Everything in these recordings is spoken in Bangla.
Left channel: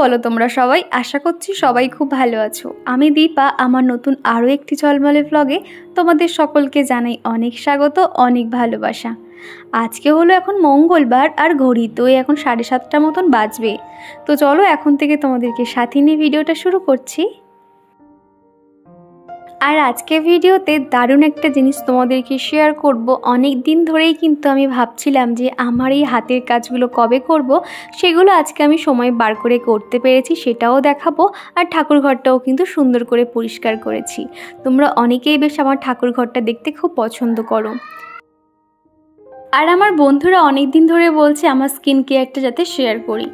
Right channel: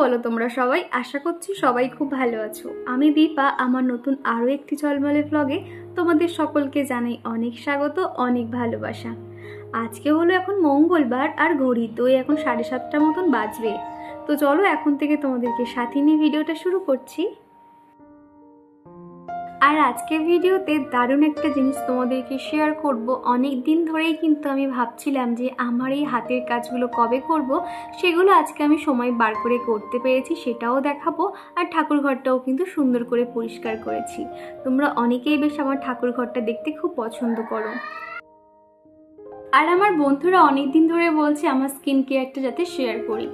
বলো তোমরা সবাই? আশা করছি সবাই খুব ভালো আছো। আমি দীপা, আমার নতুন আরও একটি ঝলমলে ব্লগে তোমাদের সকলকে জানাই অনেক স্বাগত, অনেক ভালোবাসা। আজকে হলো এখন মঙ্গলবার আর ঘড়িতেই এখন 7:30 মতন বাজবে। তো চলো এখন থেকে তোমাদেরকে সাথে নিয়ে ভিডিওটা শুরু করছি। আর আজকে ভিডিওতে দারুণ একটা জিনিস তোমাদেরকে শেয়ার করব। অনেক দিন ধরেই কিন্তু আমি ভাবছিলাম যে আমার এই হাতের কাজগুলো কবে করব, সেগুলো আজকে আমি সময় বার করে করতে পেরেছি, সেটাও দেখাবো। আর ঠাকুর ঘরটাও কিন্তু সুন্দর করে পরিষ্কার করেছি। তোমরা অনেকেই বেশ আমার ঠাকুর ঘরটা দেখতে খুব পছন্দ করো। আর আমার বন্ধুরা অনেক দিন ধরে বলছে আমার স্কিন কেয়ারটা যাতে শেয়ার করি।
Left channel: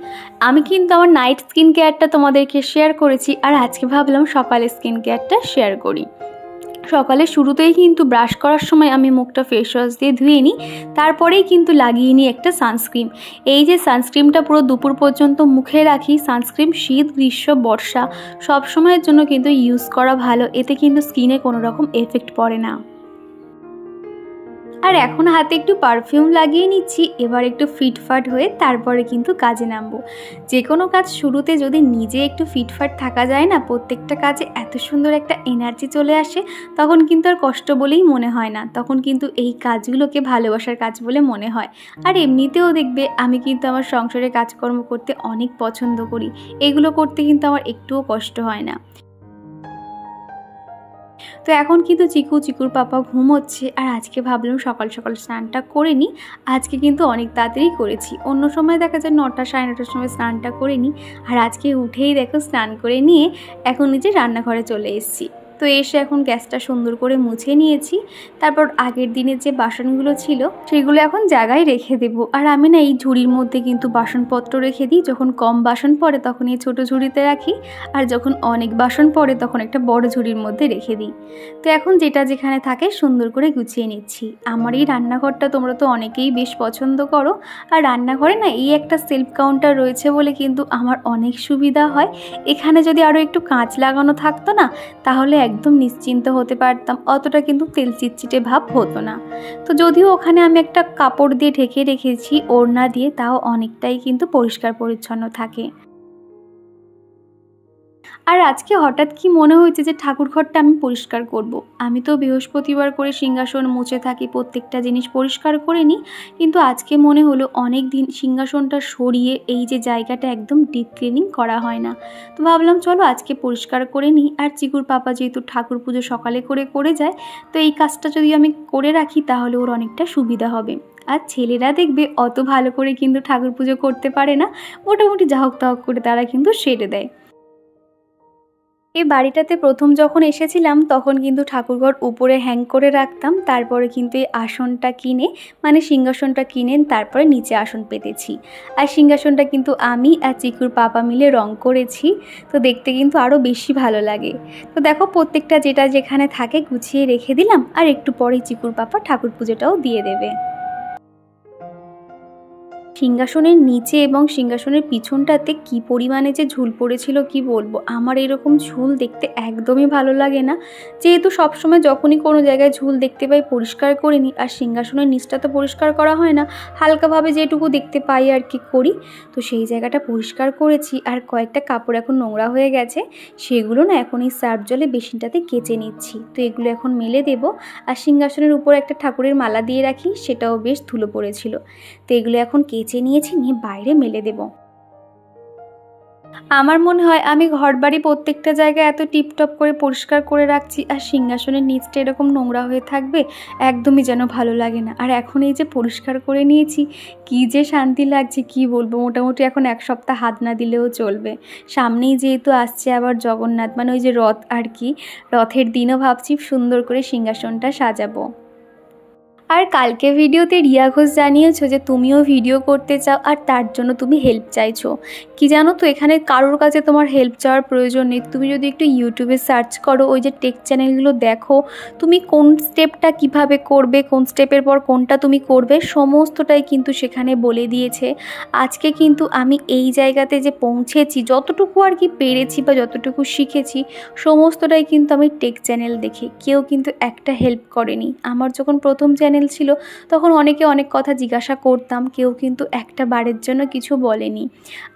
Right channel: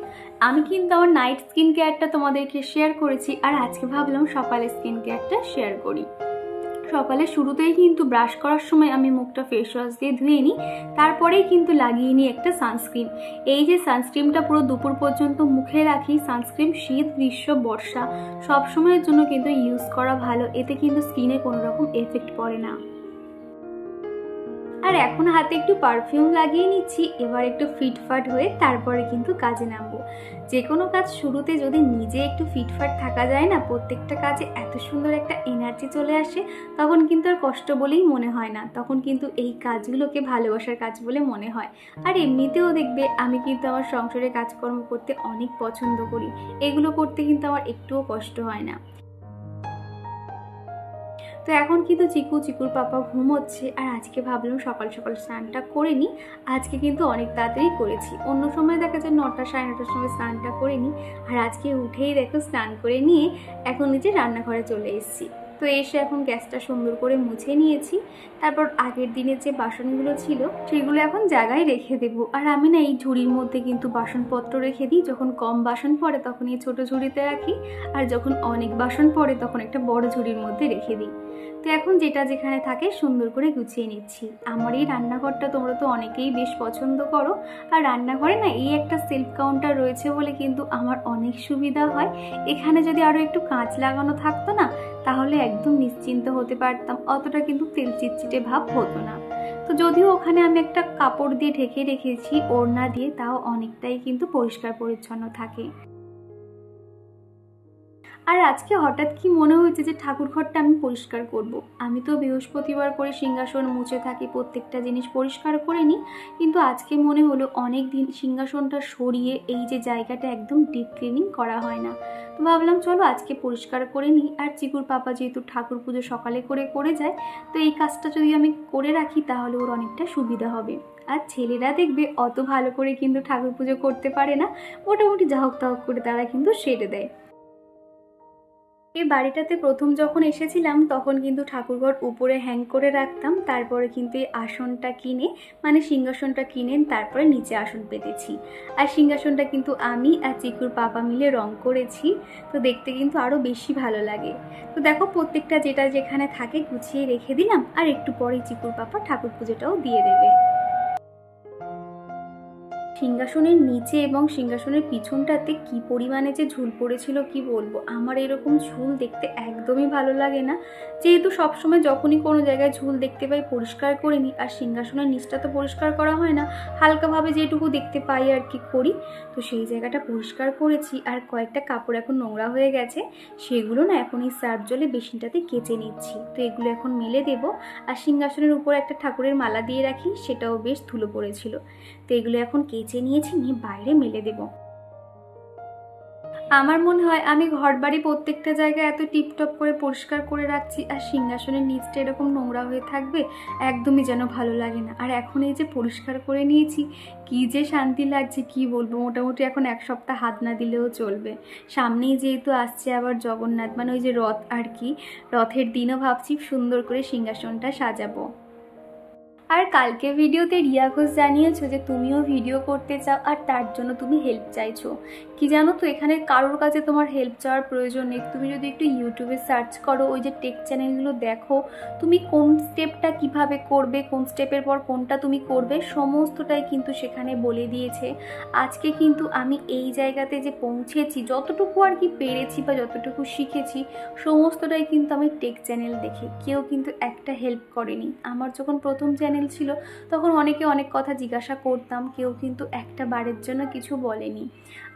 আমি কিন্তু আমার নাইট স্কিন কেয়ারটা তোমাদেরকে শেয়ার করেছি, আর আজকে ভাবলাম সকালে স্কিন কেয়ারটা শেয়ার করি। সকালে শুরুতেই কিন্তু ব্রাশ করার সময় আমি মুখটা ফেস ওয়াশ দিয়ে ধুয়ে নিই, তারপরেই কিন্তু লাগিয়ে নিই একটা সানস্ক্রিন। এই যে সানস্ক্রিনটা পুরো দুপুর পর্যন্ত মুখে রাখি। সানস্ক্রিন শীত, গ্রীষ্ম, বর্ষা সব সময়ের জন্য কিন্তু ইউজ করা ভালো, এতে কিন্তু স্কিনে কোনো রকম এফেক্ট পড়ে না। আর এখন হাতে একটু পারফিউম লাগিয়ে নিচ্ছি। এবার একটু ফিটফাট হয়ে তারপরে কিন্তু কাজে নামবো। যে কোনো কাজ শুরুতে যদি নিজে একটু ফিটফাট থাকা যায় না, প্রত্যেকটা কাজে এত সুন্দর একটা এনার্জি চলে আসে, তখন কিন্তু আর কষ্ট বলেই মনে হয় না, তখন কিন্তু এই কাজগুলোকে ভালোবাসার কাজ বলে মনে হয়। আর এমনিতেও দেখবে আমি কিন্তু আমার সংসারে কাজকর্ম করতে অনেক পছন্দ করি, এগুলো করতে কিন্তু আমার একটুও কষ্ট হয় না। তো এখন কিন্তু চিকুর পাপা ঘুমোচ্ছে, আর আজকে ভাবলাম সকাল সকাল স্নানটা করে নিই। আজকে কিন্তু অনেক তাড়াতাড়ি করেছি, অন্য সময় দেখা যায় 9টা 9:30টার সময় স্নানটা করে নিই, আর আজকে উঠেই দেখো স্নান করে নিয়ে এখন নিজে রান্নাঘরে চলে এসেছি। তো এসে এখন গ্যাসটা সুন্দর করে মুছে নিয়েছি। তারপর আগের দিনের যে বাসনগুলো ছিল সেগুলো এখন জায়গায় রেখে দেব। আর আমি না এই ঝুড়ির মধ্যে কিন্তু বাসনপত্র রেখে দিই। যখন কম বাসন পড়ে তখন এই ছোটো ঝুড়িতে রাখি, আর যখন অনেক বাসন পড়ে তখন একটা বড় ঝুড়ির মধ্যে রেখে দিই। তো এখন যেটা যেখানে থাকে সুন্দর করে গুছিয়ে নিচ্ছি। আমার এই রান্নাঘরটা তোমরা তো অনেকেই বেশ পছন্দ করো। আর রান্নাঘরে না এই একটা সেলফ কাউন্টার রয়েছে বলে কিন্তু আমার অনেক সুবিধা হয়। এখানে যদি আরও একটু কাঁচ লাগানো থাকতো না, তাহলে একদম নিশ্চিন্ত হতে পারতাম, অতটা কিন্তু তেল চিটচিটে ভাব হতো না। তো যদিও ওখানে আমি একটা কাপড় দিয়ে ঢেকে রেখেছি, ওড়না দিয়ে, তাও অনেকটাই কিন্তু পরিষ্কার পরিচ্ছন্ন থাকে। আর আজকে হঠাৎ কি মনে হয়েছে যে ঠাকুর ঘরটা আমি পরিষ্কার করব। আমি তো বৃহস্পতিবার করে সিংহাসন মুছে থাকি, প্রত্যেকটা জিনিস পরিষ্কার করে নিই, কিন্তু আজকে মনে হলো অনেক দিন সিংহাসনটা সরিয়ে এই যে জায়গাটা একদম ডিপ ক্লিনিং করা হয় না। তো ভাবলাম চলো আজকে পরিষ্কার করে নিই। আর চিকুর পাপা যেহেতু ঠাকুর পুজো সকালে করে যায়, তো এই কাজটা যদি আমি করে রাখি তাহলে ওর অনেকটা সুবিধা হবে। আর ছেলেরা দেখবে অত ভালো করে কিন্তু ঠাকুর পুজো করতে পারে না, মোটামুটি যা হোক তা হোক করে তারা কিন্তু সেরে দেয়। এই বাড়িটাতে প্রথম যখন এসেছিলাম তখন কিন্তু ঠাকুরঘর উপরে হ্যাং করে রাখতাম, তারপরে কিন্তু এই আসনটা কিনে, মানে সিংহাসনটা কিনে তারপরে নিচে আসন পেতেছি। আর সিংহাসনটা কিন্তু আমি আর চিকুর পাপা মিলে রং করেছি, তো দেখতে কিন্তু আরও বেশি ভালো লাগে। তো দেখো প্রত্যেকটা যেটা যেখানে থাকে গুছিয়ে রেখে দিলাম, আর একটু পরেই চিকুর পাপা ঠাকুর পুজোটাও দিয়ে দেবে। সিংহাসনের নিচে এবং সিংহাসনের পিছনটাতে কি পরিমাণে যে ঝুল পড়েছিল কি বলবো। আমার এরকম ঝুল দেখতে একদমই ভালো লাগে না, যেহেতু সবসময় যখনই কোনো জায়গায় ঝুল দেখতে পাই পরিষ্কার করে নিই। আর সিংহাসনের নিচটা তো পরিষ্কার করা হয় না, হালকাভাবে যেটুকু দেখতে পাই আর কি করি। তো সেই জায়গাটা পরিষ্কার করেছি, আর কয়েকটা কাপড় এখন নোংরা হয়ে গেছে, সেগুলো না এখন এই সার্ফ জলে বেসিনটাতে কেচে নিচ্ছি। তো এগুলো এখন মেলে দেবো। আর সিংহাসনের উপর একটা ঠাকুরের মালা দিয়ে রাখি, সেটাও বেশ ধুলো পড়েছিল, তো এগুলো এখন কেচে নিয়েছি, নিয়ে বাইরে মেলে দেব। আমার মনে হয় আমি ঘরবাড়ি প্রত্যেকটা জায়গায় এত টিপটপ করে পরিষ্কার করে রাখছি, আর সিংহাসনের নিচটা এরকম নোংরা হয়ে থাকবে একদমই যেন ভালো লাগে না। আর এখন এই যে পরিষ্কার করে নিয়েছি, কি যে শান্তি লাগছে কি বলবো। মোটামুটি এখন 1 সপ্তাহ হাত না দিলেও চলবে। সামনেই যেহেতু আসছে আবার জগন্নাথ, মানে ওই যে রথ আর কি, রথের দিনও ভাবছি সুন্দর করে সিংহাসনটা সাজাবো। আর কালকে ভিডিওতে রিয়া ঘোষ জানিয়েছো যে তুমিও ভিডিও করতে চাও, আর তার জন্য তুমি হেল্প চাইছো। কি জানো তো, এখানে কারোর কাছে তোমার হেল্প চাওয়ার প্রয়োজন নেই। তুমি যদি একটু ইউটিউবে সার্চ করো, ওই যে টেক চ্যানেলগুলো দেখো, তুমি কোন স্টেপটা কিভাবে করবে, কোন স্টেপের পর কোনটা তুমি করবে, সমস্তটাই কিন্তু সেখানে বলে দিয়েছে। আজকে কিন্তু আমি এই জায়গাতে যে পৌঁছেছি, যতটুকু আর কি পেরেছি বা যতটুকু শিখেছি, সমস্তটাই কিন্তু আমি টেক চ্যানেল দেখে, কেউ কিন্তু একটা হেল্প করেনি। আমার যখন প্রথম চ্যানেল চ্যানেল ছিল তখন অনেকে অনেক কথা জিজ্ঞাসা করতাম, কেউ কিন্তু একটা বারের জন্য কিছু বলেনি।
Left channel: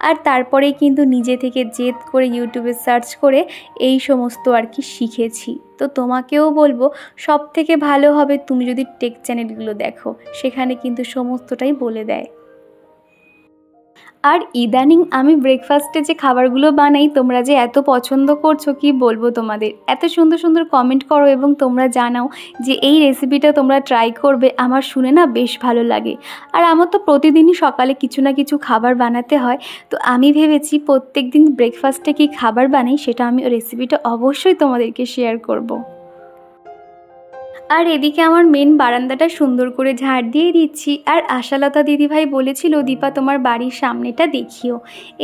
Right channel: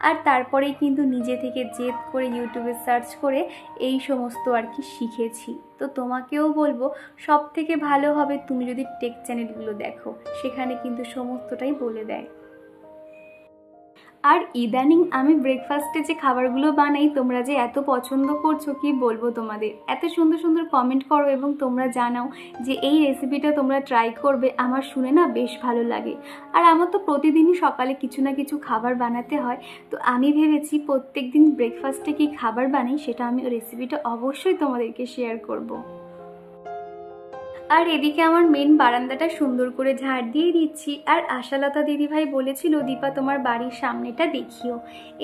আর তারপরেই কিন্তু নিজে থেকে জেদ করে ইউটিউবে সার্চ করে এই সমস্ত আর কি শিখেছি। তো তোমাকেও বলবো সব থেকে ভালো হবে তুমি যদি টেক চ্যানেলগুলো দেখো, সেখানে কিন্তু সমস্তটাই বলে দেয়। আর ইদানিং আমি ব্রেকফাস্টে যে খাবারগুলো বানাই তোমরা যে এত পছন্দ করছো কি বলবো তোমাদের, এত সুন্দর সুন্দর কমেন্ট করো এবং তোমরা জানাও যে এই রেসিপিটা তোমরা ট্রাই করবে, আমার শুনে না বেশ ভালো লাগে। আর আমার তো প্রতিদিনই সকালে কিছু না কিছু খাবার বানাতে হয়, তো আমি ভেবেছি প্রত্যেক দিন ব্রেকফাস্টে কী খাবার বানাই সেটা আমি রেসিপিটা অবশ্যই তোমাদেরকে শেয়ার করব। আর এদিকে আমার মেন বারান্দাটা সুন্দর করে ঝাড় দিয়ে দিচ্ছি। আর আশালতা দিদিভাই বলেছিল দীপা তোমার বাড়ির সামনেটা দেখিও।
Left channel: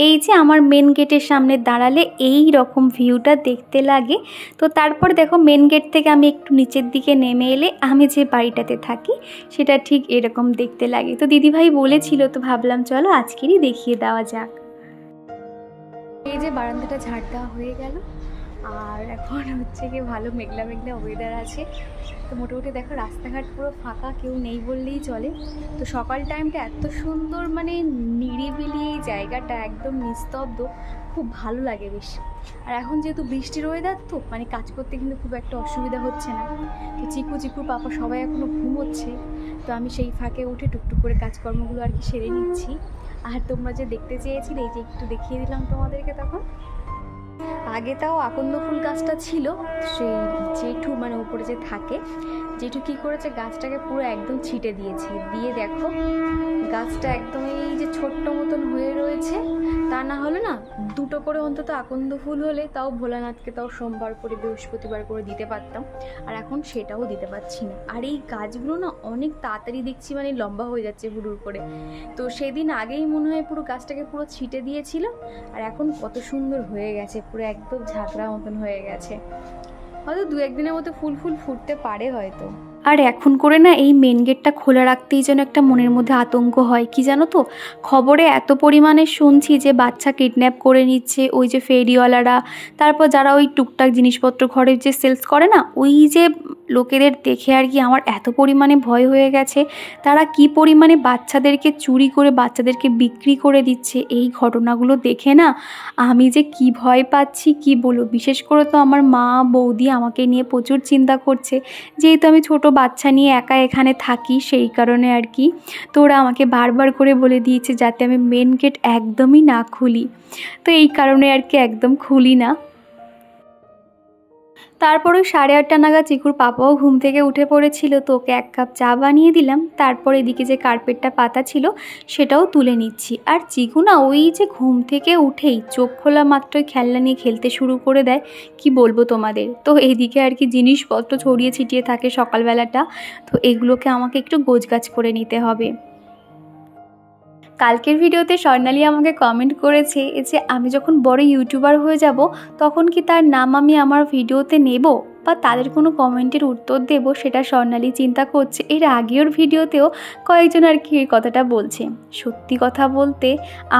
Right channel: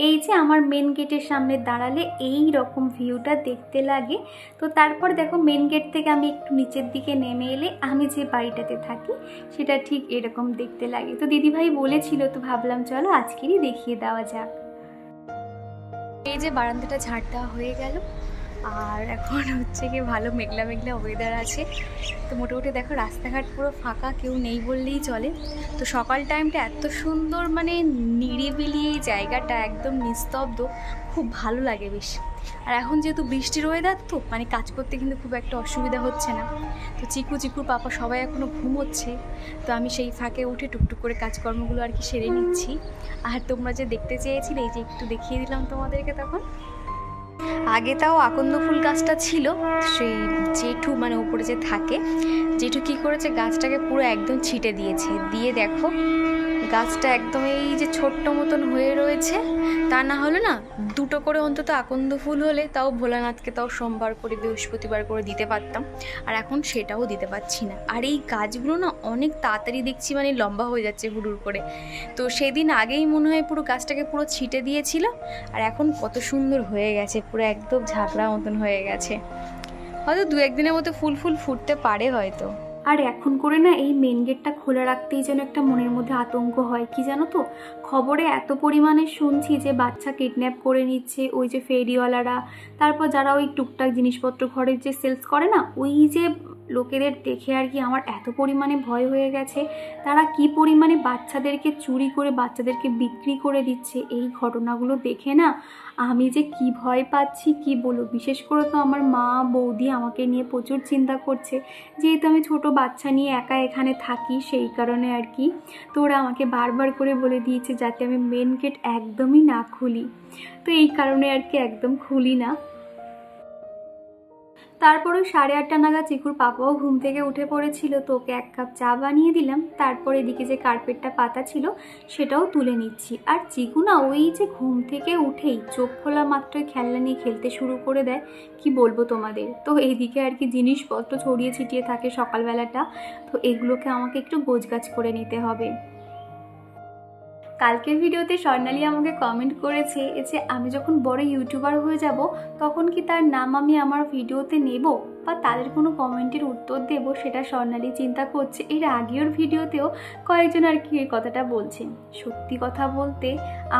এই যে আমার মেন গেটের সামনে দাঁড়ালে এই রকম ভিউটা দেখতে লাগে। তো তারপর দেখো মেন গেট থেকে আমি একটু নিচের দিকে নেমে এলে আমি যে বাড়িটাতে থাকি সেটা ঠিক এরকম দেখতে লাগে। তো দিদিভাই বলেছিল, তো ভাবলাম চলো আজকেরই দেখিয়ে দেওয়া যাক। এই যে বারান্দাটা ঝাড় দেওয়া হয়ে গেল, আর এখন হচ্ছে কি ভালো মেঘলা মেঘলা ওয়েদার আছে। তো মোটামুটি দেখো রাস্তাঘাট পুরো ফাঁকা, কেউ নেই বললেই চলে। তো সকাল টাইমটা এত সুন্দর, মানে নিরিবিলি এই জায়গাটা একদম নিস্তব্ধ, খুব ভালো লাগে বেশ। আর এখন যেহেতু বৃষ্টির ওয়েদার তো মানে কাজ করতে কিন্তু খুব একটা অসুবিধা হচ্ছে না। তো চিকুর পাপা সবাই এখনও ঘুমোচ্ছে, তো আমি সেই ফাঁকে উঠে টুকটুক করে কাজকর্মগুলো আর কি সেরে নিচ্ছি। আর তোমরা যে দেখতে চেয়েছিলে এই যে একটু দেখিয়ে দিলাম তোমাদেরকে। তখন আগে তাও আকন্দ ফুল গাছটা ছিল, সেই জেঠু মানে উপরে যে থাকে জেঠু কী করেছে গাছটাকে পুরো একদম ছিটে দিয়েছে, দিয়ে দেখো গাছটা একদম এই যে ছোট্ট মতন হয়ে রয়েছে। তা না হলে না দুটো করে অন্তত আকন্দ ফুল হলে তাও ভোলানাথকে তাও সোমবার করে বৃহস্পতিবার করে দিতে পারতাম, আর এখন সেটাও দিতে পারছি না। আর এই গাছগুলো না অনেক তাড়াতাড়ি দেখছি মানে লম্বা হয়ে যাচ্ছে হুড়ুর করে। তো সেদিন আগেই মনে হয় পুরো গাছটাকে পুরো ছিটে দিয়েছিল, আর এখন কত সুন্দর হয়ে গেছে, পুরো একদম ঝাঁকড়া মতন হয়ে গেছে। হয়তো দু একদিনের মতো ফুল ফুটতে পারে হয়তো। আর এখন করে না এই মেন গেটটা খোলা রাখতেই যেন একটা মনের মধ্যে আতঙ্ক হয়, কি জানো তো খবরে এত পরিমাণে শুনছি যে বাচ্চা কিডন্যাপ করে নিচ্ছে ওই যে ফেরিওয়ালারা, তারপর যারা ওই টুকটাক জিনিসপত্র ঘরের যে সেলস করে না ওই যে লোকেদের দেখে আর কি আমার এত পরিমাণে ভয় হয়ে গেছে। তারা কি পরিমাণে বাচ্চাদেরকে চুরি করে বাচ্চাদেরকে বিক্রি করে দিচ্ছে, এই ঘটনাগুলো দেখে না আমি যে কি ভয় পাচ্ছি কি বলবো। বিশেষ করে তো আমার মা বৌদি আমাকে নিয়ে প্রচুর চিন্তা করছে, যেহেতু আমি ছোট বাচ্চা নিয়ে একা এখানে থাকি সেই কারণে আর কি। তো ওরা আমাকে বারবার করে বলে দিয়েছে যাতে আমি মেন গেট একদমই না খুলি, তো এই কারণে আর কি একদম খুলি না। তারপরে 8:30 নাগাদ চিকুর পাপাও ঘুম থেকে উঠে পড়েছিল, তো ওকে 1 কাপ চা বানিয়ে দিলাম। তারপর এদিকে যে কার্পেটটা পাতা ছিল সেটাও তুলে নিচ্ছি। আর চিকু না ওই যে ঘুম থেকে উঠেই চোখ খোলা মাত্রই খেলনা নিয়ে খেলতে শুরু করে দেয়, কি বলবো তোমাদের। তো এইদিকে আর কি জিনিসপত্র ছড়িয়ে ছিটিয়ে থাকে সকালবেলাটা, তো এগুলোকে আমাকে একটু গোছগাছ করে নিতে হবে। কালকের ভিডিওতে স্বর্ণালী আমাকে কমেন্ট করেছে যে আমি যখন বড় ইউটিউবার হয়ে যাব তখন কি তার নাম আমি আমার ভিডিওতে নেব বা তাদের কোনো কমেন্টের উত্তর দেব, সেটা স্বর্ণালী চিন্তা করছে। এর আগের ভিডিওতেও কয়েকজন আর কি এই কথাটা বলছে। সত্যি কথা বলতে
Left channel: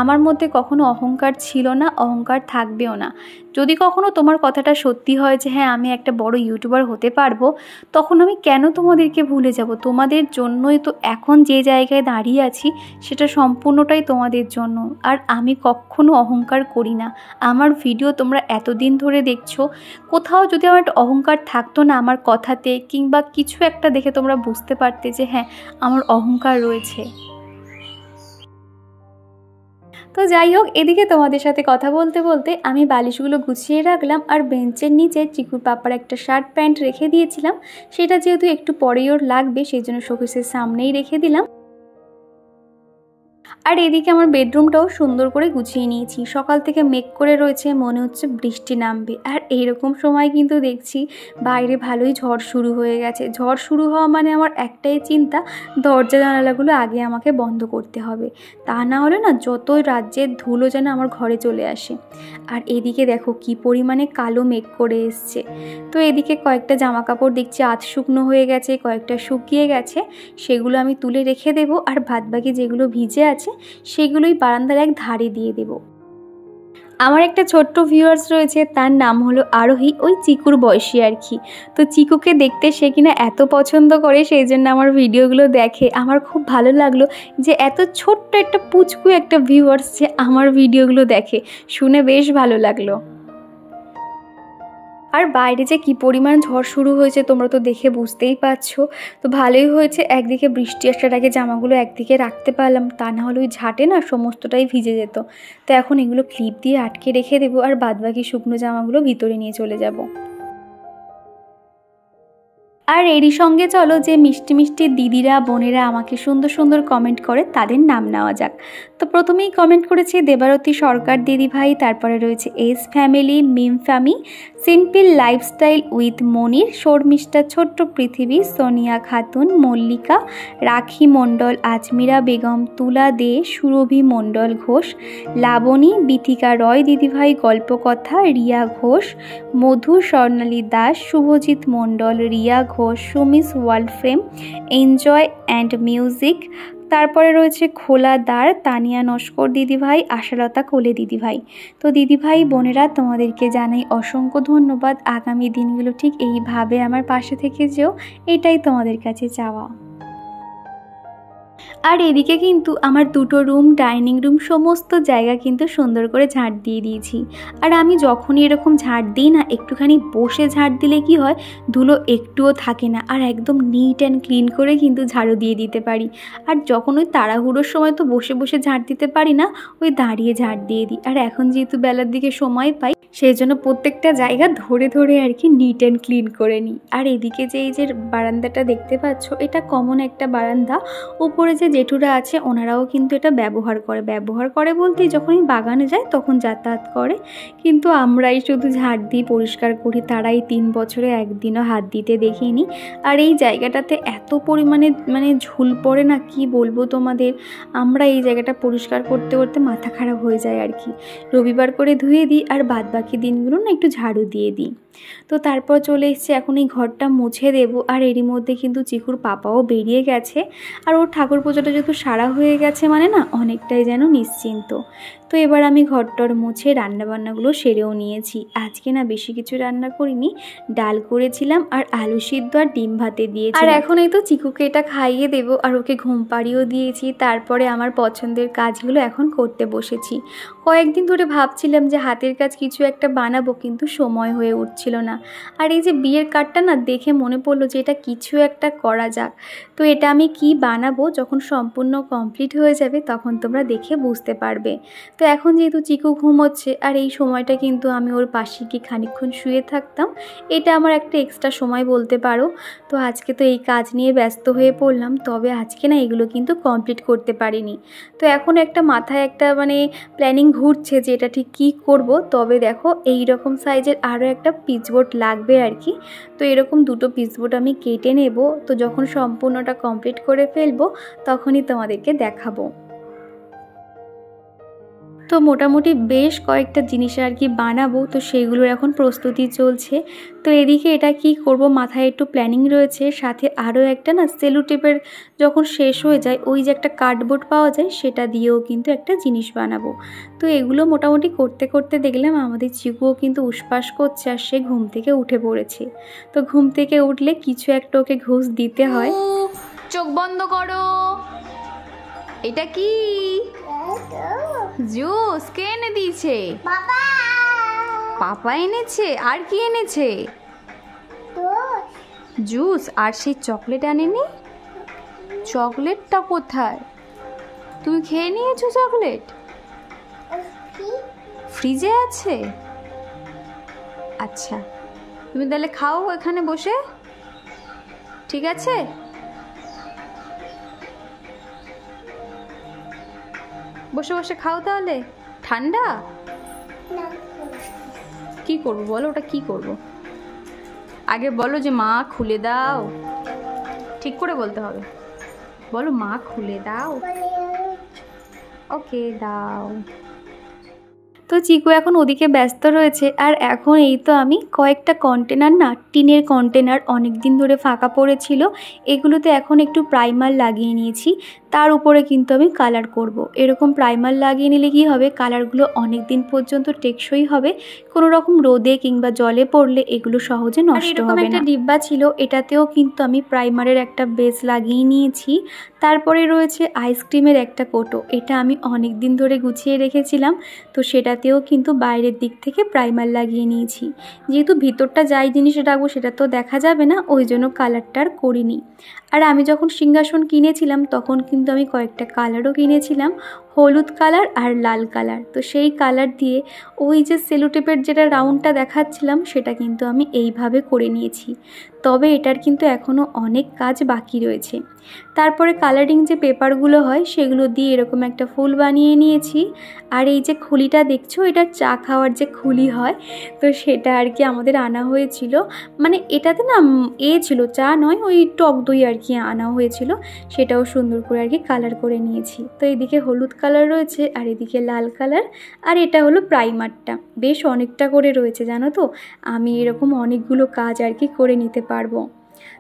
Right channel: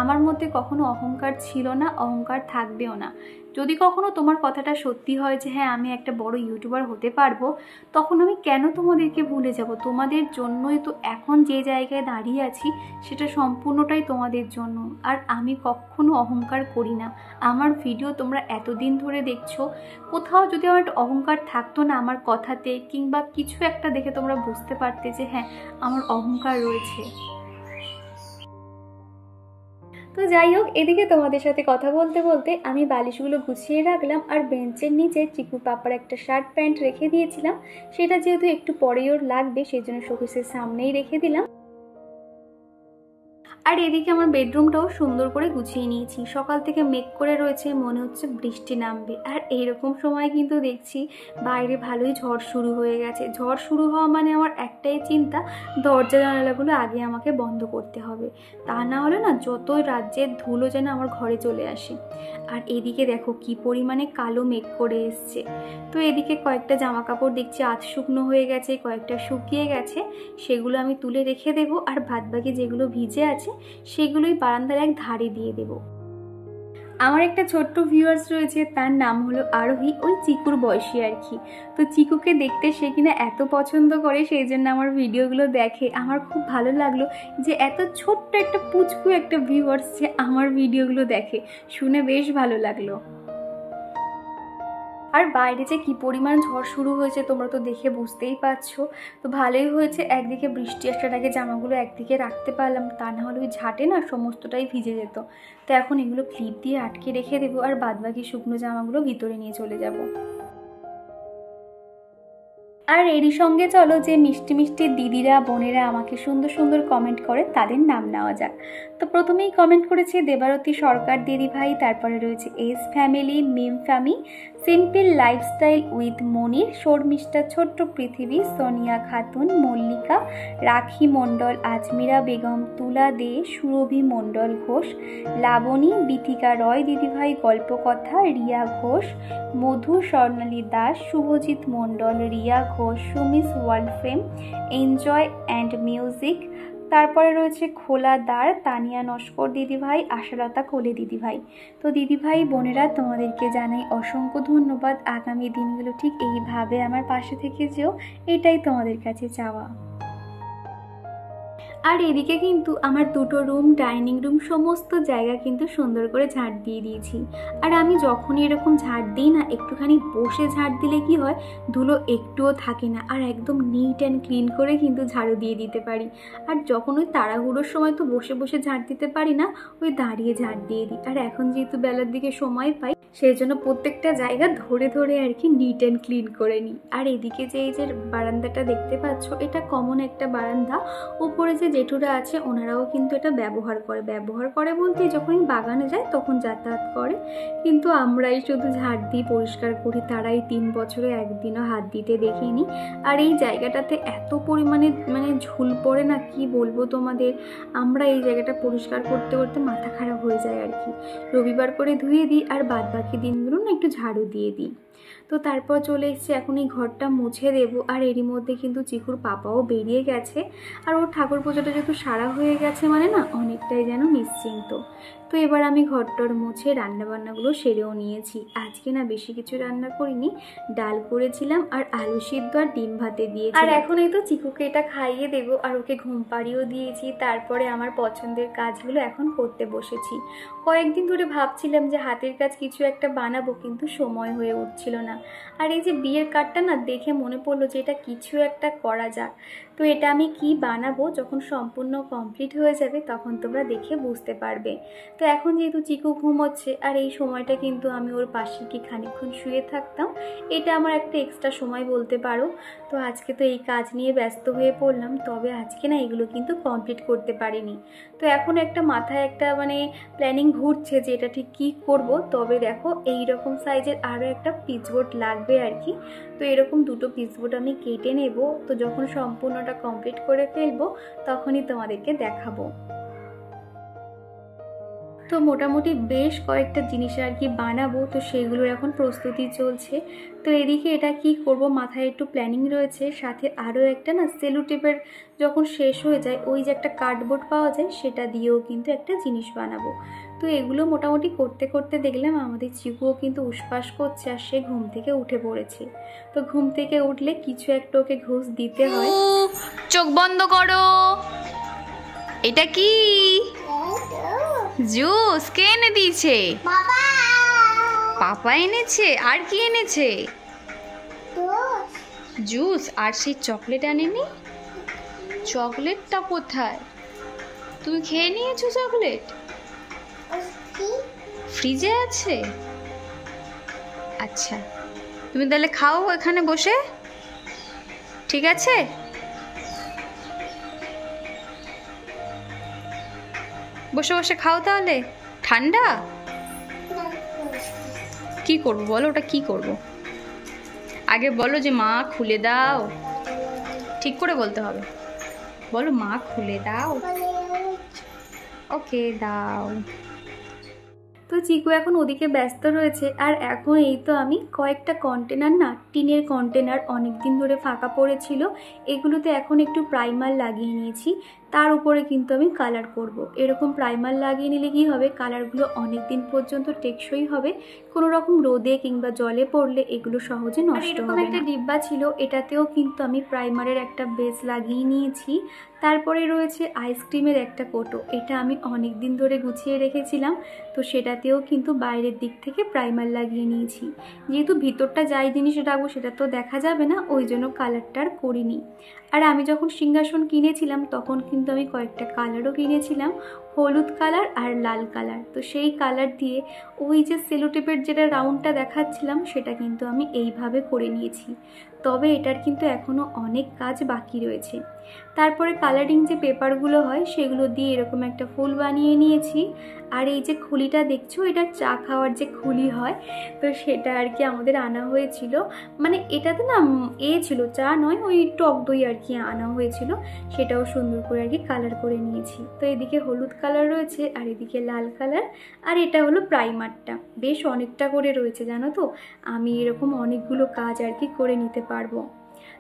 আমার মধ্যে কখনো অহংকার ছিল না, অহংকার থাকবেও না। যদি কখনো তোমার কথাটা সত্যি হয় যে হ্যাঁ আমি একটা বড় ইউটিউবার হতে পারবো, তখন আমি কেন তোমাদেরকে ভুলে যাব। তোমাদের জন্যই তো এখন যে জায়গায় দাঁড়িয়ে আছি, সেটা সম্পূর্ণটাই তোমাদের জন্য। আর আমি কখনো অহংকার করি না। আমার ভিডিও তোমরা এতদিন ধরে দেখছো, কোথাও যদি আমার একটা অহংকার থাকতো না আমার কথাতে কিংবা কিছু একটা দেখে তোমরা বুঝতে পারতে যে হ্যাঁ আমার অহংকার রয়েছে। তো যাই হোক, এদিকে তোমাদের সাথে কথা বলতে বলতে আমি বালিশগুলো গুছিয়ে রাখলাম। আর বেঞ্চের নিচে চিকুর পাপার একটা শার্ট প্যান্ট রেখে দিয়েছিলাম, সেটা যেহেতু একটু পরেই ওর লাগবে সেই জন্য শোকেসের সামনেই রেখে দিলাম। আর এদিকে আমার বেডরুমটাও সুন্দর করে গুছিয়ে নিয়েছি। সকাল থেকে মেঘ করে রয়েছে, মনে হচ্ছে বৃষ্টি নামবে। আর এইরকম সময় কিন্তু দেখছি বাইরে ভালোই ঝড় শুরু হয়ে গেছে। ঝড় শুরু হওয়া মানে আমার একটাই চিন্তা, দরজা জানালাগুলো আগে আমাকে বন্ধ করতে হবে, তা না হলে না যতই রাজ্যের ধুলো যেন আমার ঘরে চলে আসে। আর এদিকে দেখো কি পরিমাণে কালো মেঘ করে এসছে। তো এদিকে কয়েকটা জামা কাপড় দেখছি আধ শুকনো হয়ে গেছে, কয়েকটা শুকিয়ে গেছে, সেগুলো আমি তুলে রেখে দেবো। আর বাদবাকি যেগুলো ভিজে আছে সেগুলোই বারান্দার এক ধারে দিয়ে দেব। আমার একটা ছোট্ট ভিউয়ার্স রয়েছে, তার নাম হলো আরোহী, ওই চিকুর বয়সী আর কি। তো চিকুকে দেখতে সে কিনা এত পছন্দ করে, সেই জন্য আমার ভিডিওগুলো দেখে। আমার খুব ভালো লাগলো যে এত ছোট্ট একটা পুচকু একটা ভিউয়ার্স যে আমার ভিডিওগুলো দেখে, শুনে বেশ ভালো লাগলো। আর বাইরে যে কী পরিমাণ ঝড় শুরু হয়েছে তোমরা তো দেখে বুঝতেই পারছো। তো ভালোই হয়েছে, একদিকে বৃষ্টি আসার আগে জামাগুলো একদিকে রাখতে পারলাম, তা না হলে ওই ঝাঁটে না সমস্তটাই ভিজে যেত। তো এখন এগুলো ক্লিপ দিয়ে আটকে রেখে দেবো, আর বাদবাকি শুকনো জামাগুলো ভিতরে নিয়ে চলে যাব। আর এরই সঙ্গে চলো যে মিষ্টি মিষ্টি দিদিরা বোনেরা আমাকে সুন্দর সুন্দর কমেন্ট করে তাদের নাম নেওয়া যাক। তো প্রথমেই কমেন্ট করেছে দেবারতী সরকার দিদিভাই, তারপরে রয়েছে S family, Mim family, simple lifestyle with Monir, Sharmistha ছোট্ট পৃথিবী, সোনিয়া খাতুন, মল্লিকা, রাখি মণ্ডল, আজমিরা বেগম, তুলা দে, সুরভি মণ্ডল ঘোষ, লাবণী, বিথিকা রয় দিদিভাই, গল্পকথা, Riya Ghosh, Madhu, Swarnali Das, Subhajit Mondal, Riya Ghosh, Sumi's world frame, enjoy and music, তারপরে রয়েছে খোলা দ্বার, তানিয়া নস্কর দিদিভাই, আশালতা কোলে দিদিভাই। তো দিদিভাই বোনেরা তোমাদেরকে জানাই অসংখ্য ধন্যবাদ। আগামী দিনগুলো ঠিক এইভাবে আমার পাশে থেকে যেও, এটাই তোমাদের কাছে চাওয়া। আর এদিকে কিন্তু আমার দুটো রুম, ডাইনিং রুম সমস্ত জায়গা কিন্তু সুন্দর করে ঝাঁট দিয়ে দিয়েছি। আর আমি যখনই এরকম ঝাঁট দিই না, একটুখানি বসে ঝাঁট দিলে কি হয়, ধুলো একটুও থাকে না, আর একদম নিট অ্যান্ড ক্লিন করে কিন্তু ঝাড়ু দিয়ে দিতে পারি। আর যখন ওই তাড়াহুড়োর সময় তো বসে বসে ঝাঁট দিতে পারি না, ওই দাঁড়িয়ে ঝাঁট দিয়ে দিই। আর এখন যেহেতু বেলার দিকে সময় পাই, সেই জন্য প্রত্যেকটা জায়গা ধরে ধরে আর কি নিট অ্যান্ড ক্লিন করে নিই। আর এদিকে যে এই যে বারান্দাটা দেখতে পাচ্ছ, এটা কমন একটা বারান্দা। উপরে যে জেঠুরা আছে ওনারাও কিন্তু এটা ব্যবহার করে বলতে যখনই বাগানে যায় তখন যাতায়াত করে, কিন্তু আমরাই শুধু ঝাড় দিয়ে পরিষ্কার করি, তারাই 3 বছরে একদিনও হাত দিতে দেখিনি। আর এই জায়গাটাতে এত পরিমাণে ঝুল পড়ে না, কি বলবো তোমাদের। আমরা এই জায়গাটা পরিষ্কার করতে করতে মাথা খারাপ হয়ে যায় আর কি। রবিবার করে ধুয়ে দিই, আর বাদবাকি দিনগুলো না একটু ঝাড়ু দিয়ে দিই। তো তারপর চলে এসেছি এখন এই ঘরটা মুছে দেবো। আর এরই মধ্যে কিন্তু চিকুর পাপাও বেরিয়ে গেছে, আর ওর ঠাকুর পুজোটা যেহেতু সারা হয়ে গেছে মানে না অনেকটাই যেন নিশ্চিন্ত। তো এবার আমি ঘরটর মুছে রান্নাবান্নাগুলো সেরেও নিয়েছি। আজকে না বেশি কিছু রান্না করিনি, ডাল করেছিলাম আর আলু সিদ্ধ আর ডিম ভাতে দিয়েছি। আর এখন এই তো চিকুকে এটা খাইয়ে দেবো, আর ওকে ঘুম পাড়িয়েও দিয়েছি। তারপরে আমার পছন্দের কাজগুলো এখন করতে বসেছি। কয়েকদিন ধরে ভাবছিলাম যে হাতের কাজ কিছু একটা বানাবো, কিন্তু সময় হয়ে উঠছিল না। আর এই যে বিয়ের কার্ডটা না দেখে মনে পড়লো যে এটা কিছু একটা করা যাক। তো এটা আমি কি বানাবো যখন সম্পূর্ণ কমপ্লিট হয়ে যাবে তখন তোমরা দেখে বুঝতে পারবে। তো এখন যেহেতু চিকু ঘুমোচ্ছে, আর এই সময়টা কিন্তু আমি ওর পাশে গিয়ে খানিকক্ষণ শুয়ে থাকতাম, এটা আমার একটা এক্সট্রা সময় বলতে পারো। তো আজকে তো এই কাজ নিয়ে ব্যস্ত হয়ে পড়লাম, তবে আজকে না এগুলো কিন্তু কমপ্লিট করতে পারিনি। তো এখন একটা মাথায় একটা প্ল্যানিং ঘুরছে যে এটা ঠিক কী করব। তবে দেখো এই রকম সাইজের আরও একটা পিচবোর্ড লাগবে আর কি। তো এরকম দুটো পিচবোর্ড আমি কেটে নেব। তো যখন সম্পূর্ণটা কমপ্লিট করে ফেলবো তখনই তোমাদেরকে দেখাবো। তো মোটামুটি বেশ কয়েকটা জিনিস আর কি বানাবো, তো সেগুলোর এখন প্রস্তুতি চলছে। তো এদিকে এটা কি করব মাথায় একটু প্ল্যানিং রয়েছে, সাথে আরও একটা না সেলো টেপের যখন শেষ হয়ে যায় ওই যে একটা কার্ডবোর্ড পাওয়া যায় সেটা দিয়েও কিন্তু একটা জিনিস বানাবো। তো এগুলো মোটামুটি করতে করতে দেখলাম আমাদের চিকুও কিন্তু উসপাস করছে, আর সে ঘুম থেকে উঠে পড়েছে। তো ঘুম থেকে উঠলে কিছু একটা ওকে ঘুষ দিতে হয়। চোখ বন্ধ করো। এটা কি জুস? কে এনে দিয়েছে? পাপা এনেছে। আর কি এনেছে? জুস। আর সেই চকলেট আনেনি? চকলেটটা কোথায়? তুমি খেয়ে নিয়েছো চকলেট? ফ্রিজে আছে? আচ্ছা, তুমি তাহলে খাও এখানে বসে, ঠিক আছে? বসে বসে খাও তাহলে। ঠান্ডা? কি করবো বলো, ওটা কি করব? আগে বলো যে মা খুলে দাও, ঠিক করে বলতে হবে। বলো মা খুলে দাও। ওকে দাও। তো চিকু এখন ওদিকে ব্যস্ত রয়েছে, আর এখন এই তো আমি কয়েকটা কন্টেনার না, টিনের কন্টেনার অনেক দিন ধরে ফাঁকা পড়েছিল, এগুলোতে এখন একটু প্রাইমার লাগিয়ে নিয়েছি। তার উপরে কিন্তু আমি কালার করব। এরকম প্রাইমার লাগিয়ে নিলে কী হবে, কালারগুলো অনেক দিন পর্যন্ত টেকসই হবে, কোনো রকম রোদে কিংবা জলে পড়লে এগুলো সহজে নষ্ট হবে না। একটা ডিব্বা ছিল, এটাতেও কিন্তু আমি প্রাইমারের একটা বেস লাগিয়ে নিয়েছি। তারপরে রয়েছে আইসক্রিমের একটা কোটো, এটা আমি অনেক দিন ধরে গুছিয়ে রেখেছিলাম, তো সেটাতেও কিন্তু বাইরের দিক থেকে প্রাইমার লাগিয়ে নিয়েছি। যেহেতু ভিতরটা যাই জিনিস রাখবো সেটা তো দেখা যাবে না, ওই জন্য কালারটা আর করিনি। আর আমি যখন সিংহাসন কিনেছিলাম তখন কিন্তু আমি কয়েকটা কালারও কিনেছিলাম, হলুদ কালার আর লাল কালার। তো সেই কালার দিয়ে ওই যে সেলোটেপের যেটা রাউন্ডটা দেখাচ্ছিলাম সেটা কিন্তু আমি এইভাবে করে নিয়েছি। তবে এটার কিন্তু এখনও অনেক কাজ বাকি রয়েছে। তারপরে কালারিং যে পেপারগুলো হয় সেগুলো দিয়ে এরকম একটা ফুল বানিয়ে নিয়েছি। আর এই যে খুলিটা দেখছো, এটা চা খাওয়ার যে খুলি হয়, তো সেটা আর কি আমাদের আনা হয়েছিল। মানে এটাতে না ছিল, চা নয়, ওই টক দই আর কি আনা হয়েছিল, সেটাও সুন্দর করে আর কি কালার করে নিয়েছি। তো এদিকে হলুদ কালার রয়েছে আর এদিকে লাল কালার, আর এটা হলো প্রাইমারটা। বেশ অনেকটা করে রয়েছে জানো তো, আমি এরকম অনেকগুলো কাজ আর কি করে নিতে পারবো।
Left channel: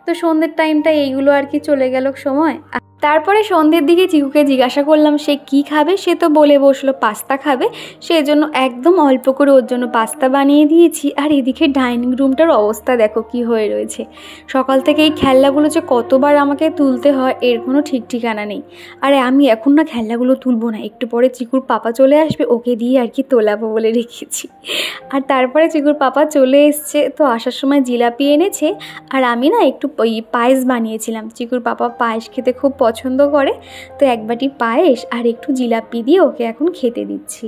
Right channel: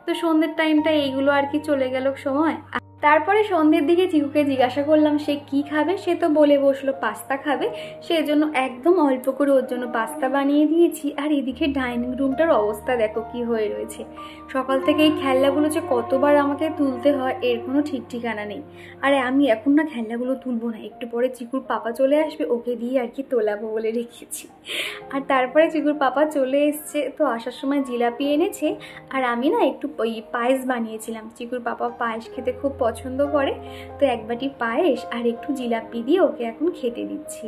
তো সন্ধ্যের টাইমটা এইগুলো আর কি চলে গেল সময়। তারপরে সন্ধ্যের দিকে চিকুকে জিজ্ঞাসা করলাম সে কি খাবে, সে তো বলে বসলো পাস্তা খাবে, সেই জন্য একদম অল্প করে ওর জন্য পাস্তা বানিয়ে দিয়েছি। আর এদিকে ডাইনিং রুমটার অবস্থা দেখো কি হয়ে রয়েছে। সকাল থেকে এই খেলনাগুলো যে কতবার আমাকে তুলতে হয় এর কোনো ঠিক ঠিকানা নেই। আরে আমি এখন না খেলনাগুলো তুলবো না, একটু পরে চিকুর পাপা চলে আসবে, ওকে দিয়ে আর কি তোলাবো বলে রেখেছি। আর তারপরে চিকুর পাপা চলে এসছে, তো আসার সময় জিলাপি এনেছে, আর আমি না একটু ওই পায়েস বানিয়েছিলাম। চিকুর পাপা পায়েস খেতে খুব পছন্দ করে, তো এক বাটি পায়েস আর একটু জিলাপি দিয়ে ওকে এখন খেতে দিচ্ছি।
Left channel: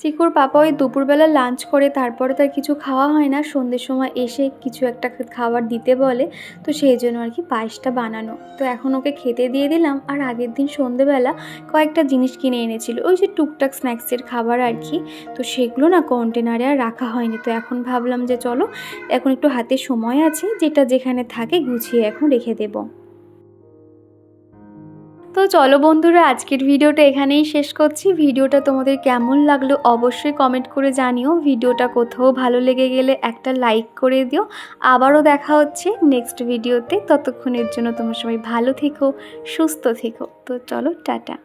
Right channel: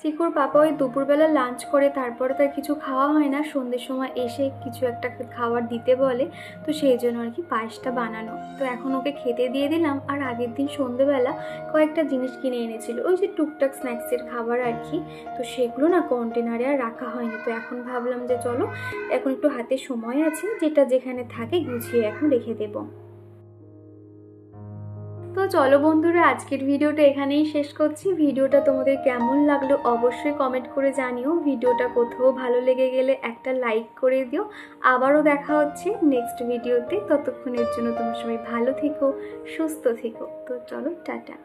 চিকুর পাপা ওই দুপুরবেলা লাঞ্চ করে তারপরে তার কিছু খাওয়া হয় না, সন্ধ্যের সময় এসে কিছু একটা খাবার দিতে বলে, তো সেই জন্য আর কি পায়েসটা বানানো। তো এখন ওকে খেতে দিয়ে দিলাম। আর আগের দিন সন্ধ্যেবেলা কয়েকটা জিনিস কিনে এনেছিল, ওই যে টুকটাক স্ন্যাক্সের খাবার আর কি, তো সেগুলো না কন্টেনারে আর রাখা হয়নি। তো এখন ভাবলাম যে চলো এখন একটু হাতে সময় আছে, যেটা যেখানে থাকে গুছিয়ে এখন রেখে দেবো। তো চলো বন্ধুরা, আজকের ভিডিওটা এখানেই শেষ করছি। ভিডিওটা তোমাদের কেমন লাগলো অবশ্যই কমেন্ট করে জানিও। ভিডিওটা কোথাও ভালো লেগে গেলে একটা লাইক করে দিও। আবারও দেখা হচ্ছে নেক্সট ভিডিওতে, ততক্ষণের জন্য তোমরা সবাই ভালো থেকো, সুস্থ থেকো। তো চলো টাটা।